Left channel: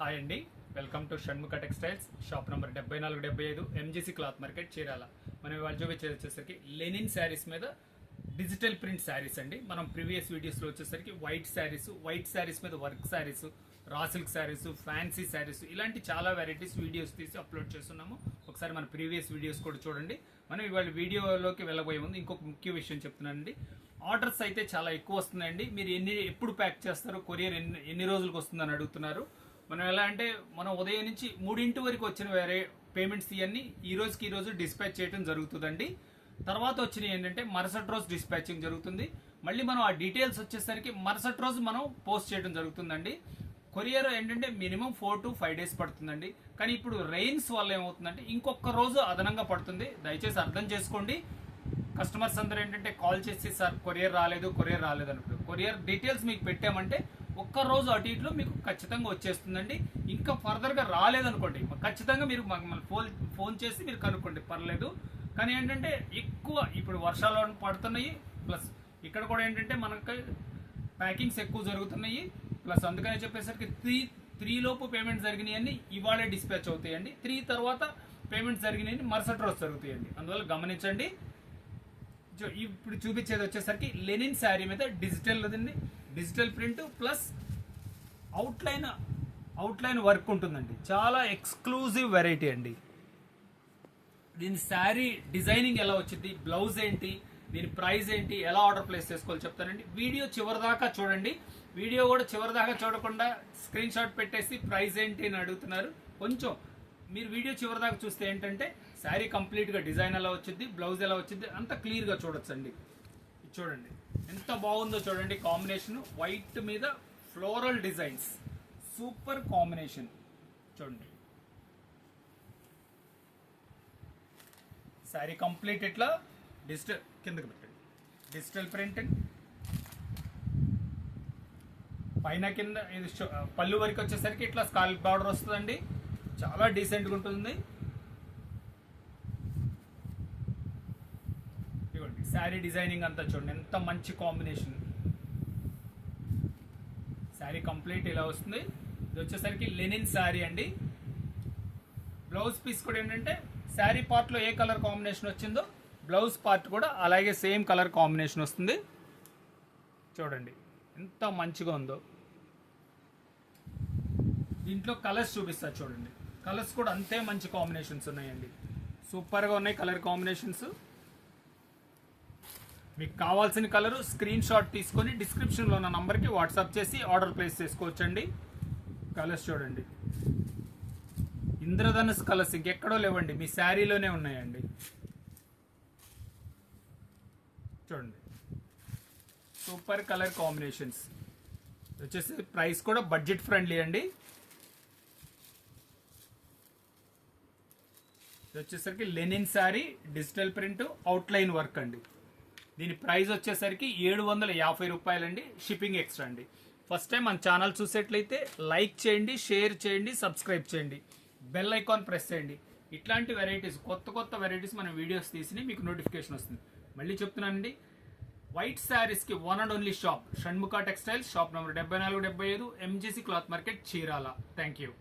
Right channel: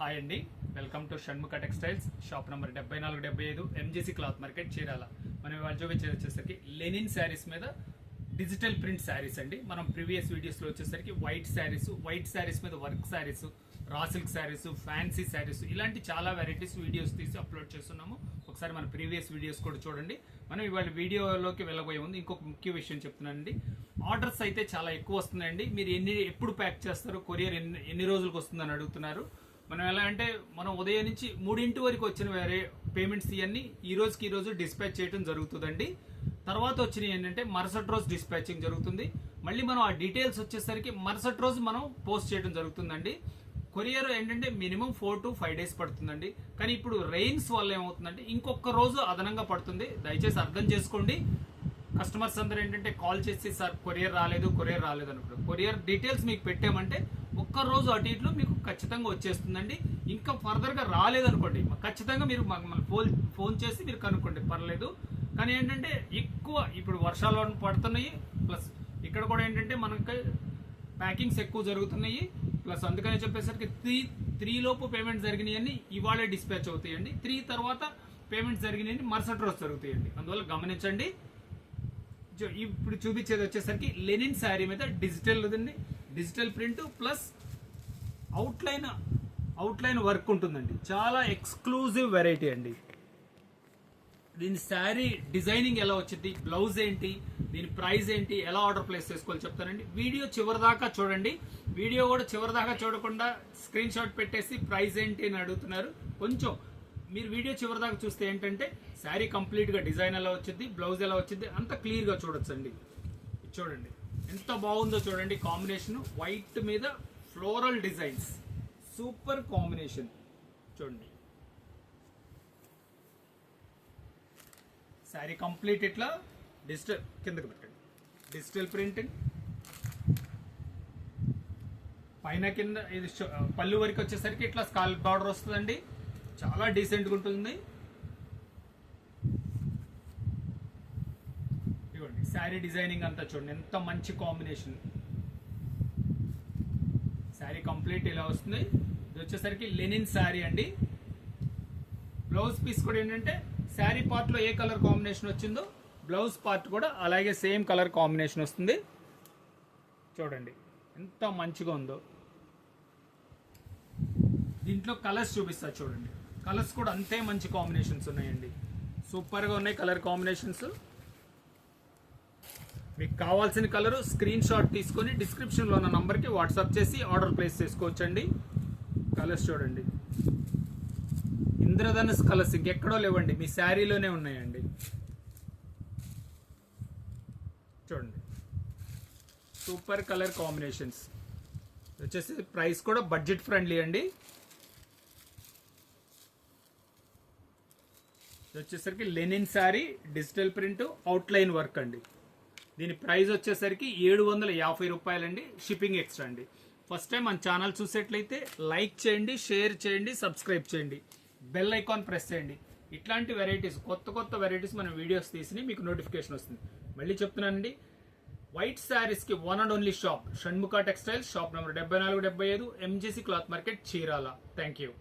Hi అండి, welcome to Shanmukha textiles shop number 7475 MGC cloth market Chirala. మనం ఇవాళ చూపించేది వచ్చేసరికి లెనిన్ శారీస్ మీద డిజిటల్ ప్రింట్ శారీస్ అండి. మనం ప్రీవియస్ వీడియోస్లో వచ్చేసరికి వైట్ శారీస్ మీద work saris, raw silk saris, fancy saris ఇలాంటి చాలా వెరైటీస్ వీడియోస్ తీసి అప్లోడ్ చేస్తున్నాము. ఒకసారి మన ప్రీవియస్ వీడియోస్ కూడా చూడండి. మనం ఇవాళ వీడియోలోకి వెళ్ళబోయే ముందు ఇంకొక ముఖ్య విషయం చెప్తున్నానండి. ఆర్డర్స్ అయితే చాలా ఎక్కువ వస్తున్నాయండి. మీరు ఎప్పుడు ప్యాక్ చేస్తారు, కొరియర్ ఎన్ని రోజులకు వస్తుందని అడుగుతున్నారు. మనం ఎలా అంటే మనం ఉదయం నుంచి 3 వరకు వచ్చిన వేరే పేమెంట్స్ ఇవన్నీ ఈ రోజు డిస్పాచ్ చేయడం జరుగుతుందండి. తర్వాత వచ్చినవి ఏంటంటే మరుసటి రోజు డిస్పాచింగ్ జరుగుతుంది. మళ్ళీ మనం ఆ డీటెయిల్స్ వచ్చేసరికి మరుసటి రోజు మనం పోస్ట్ చేయడం జరుగుతుందండి. కొరియర్ ఏంటంటే మినిమం 4 to 5 days పడుతుందండి. కానీ ఇప్పుడు రెయిన్స్ వల్ల ఏమవుతుందంటే ఇంకొక రోజు అదనంగా పడుతుంది. దయచేసి అర్థం చేసుకోండి. కస్టమర్స్ అందరూ ఏంటంటే కాల్ చేసి సార్ కొరియర్ రాలేదు అనుకుంటారు. కొరియర్ డీటెయిల్స్ మీకు పెట్టామంటే ఒక్క రోజు అటు ఇట్లో మీకు ఖచ్చితంగా వచ్చేస్తుందండి. ఇంకా ఫర్దర్ గా రాలేదనుకోండి ఖచ్చితంగా మీరు ఫోన్ చేసి మీరు కనుక్కోండి, పర్లేదు. కానీ ఏంటంటే ఎక్కువ ఇప్పుడు వర్షాలు పడుతున్నాయి, ప్లస్ ఇక్కడ కూడా ఏంటంటే మనకి ప్యాకింగ్స్ ఎక్కువ జరుగుతున్నాయి. ప్లస్ అందుకని చెప్పేసరికి 3 లోపు పేమెంట్ జరిగినాయని ఇవాళే డిస్పాచ్ అవుతాయండి. 3 తర్వాత పేమెంట్ జరిగినాయని మరుసటి రోజు జరుగుతాయండి. అందువల్ల గమనించండి. ఇప్పుడు చూపించేది వచ్చేసరికి లెనిన్ శారీ మీద digital print plus outline work ఉంటుందండి. చాలా ఎక్స్క్లూజివ్ వెరైటీ అండి. దీని శారీ డిజైనింగ్ ఎలా వచ్చింది, బ్లౌజ్ ఏంటి, దీని ప్రైస్ ఏంటి, ఎలా ఆర్డర్ ప్లేస్ చేసుకోవాలి చెప్తానండి. వీడియో చివరిదాకా చూడండి. వీడియో కూడా చివరిదాకా చూడకుండా స్క్రీన్ షాట్ పెట్టేసి ప్రైస్ ఏంటి అని అడుగుతున్నారు. కొంచెం మీరు వీడియో చివరిదాకా చూస్తే ఏంటంటే శారీ కంప్లీట్ గా డిజైన్ ఎలా వచ్చింది, బ్లౌజ్ ఎలా వచ్చింది అంత క్లియర్ గా చూడొచ్చండి. చూడండి ఎంత బాగుందో చూడండి. కాంబినేషన్ వైట్ మీద ఫ్లోరల్ డిజైన్స్, సూపర్ కాంబినేషన్. చూడండి శారీ కంప్లీట్ ఇట్లా డిజిటల్ కిందకి పెట్టండి, డిజిటల్ ప్రింట్ పైన కింద. ఇది పళ్ళు వరకు వచ్చేసరికి ఇట్లా స్కాల్ప్ బార్డర్ వస్తుందండి. చాలా డీసెంట్ గా ఉంటుంది. ఇదిగోండి శారీ డిజైనింగ్ అంతా చూడండి ఎంత మంచి కాంబినేషన్. శారీ కంప్లీట్ ఇలా వస్తుంది. ఇది వచ్చేసరికి లెనిన్ శారీ అండి. బ్లౌజ్ పీస్ కూడా ఏంటంటే శారీ పార్ట్ లో ఏ కలర్ కాంబినేషన్ వచ్చిందో బ్లౌజ్ పార్ట్ కూడా అలాగే సేమ్ కలర్ కాంబినేషన్ వస్తుంది. చూడండి ఎంత మంచిగా ఉందో. దీంట్లో కలర్స్ చూపిస్తా చూడండి. కలర్స్ కూడా అంతే మంచి కాంబినేషన్స్ ఉన్నాయండి. సూపర్ గా ఉన్నాయి కలర్ కాంబినేషన్స్. మీకు కావాల్సిన కలర్ స్క్రీన్ షాట్ తీసుకొని డిస్క్రిప్షన్ లో ఉన్న నంబర్ కి వాట్సాప్ చేసి ఆర్డర్ ప్లేస్ చేసుకోవచ్చండి. కలర్స్ చూడండి, ఇంద్రధనుస్ కలర్స్ ఇంకెక్కడో లేవండి, మీ శారీలోనే ఉన్నాయండి. చూడండి సూపర్ కలర్ కాంబినేషన్స్. వచ్చేసి ప్రైస్ కూడా బడ్జెట్ ఫ్రెండ్లీ అండి. వచ్చేసరికి linen sari, digital print, outline work అండి. దీని ప్రైస్ వచ్చేసరికి 750 రూపాయలండి. షిప్పింగ్ ఎక్స్ట్రా అండి. ఫస్ట్ టైం మన ఛానల్ చూసేట్లయితే లైక్ చేయండి, షేర్ చేయండి, సబ్స్క్రైబ్ చేయండి, బెల్ ఐకాన్ ప్రెస్ చేయండి. ఇట్లాంటి వెరైటీస్ కొత్త వెరైటీస్ మనం వీడియోస్ తీసి మీకు నోటిఫికేషన్ వస్తుంది. మళ్ళీ చెప్తున్నానండి, వైట్ శారీస్ కి one and only shop Shanmukha textiles, shop number 7475 MGC cloth market Chirala. Thank you.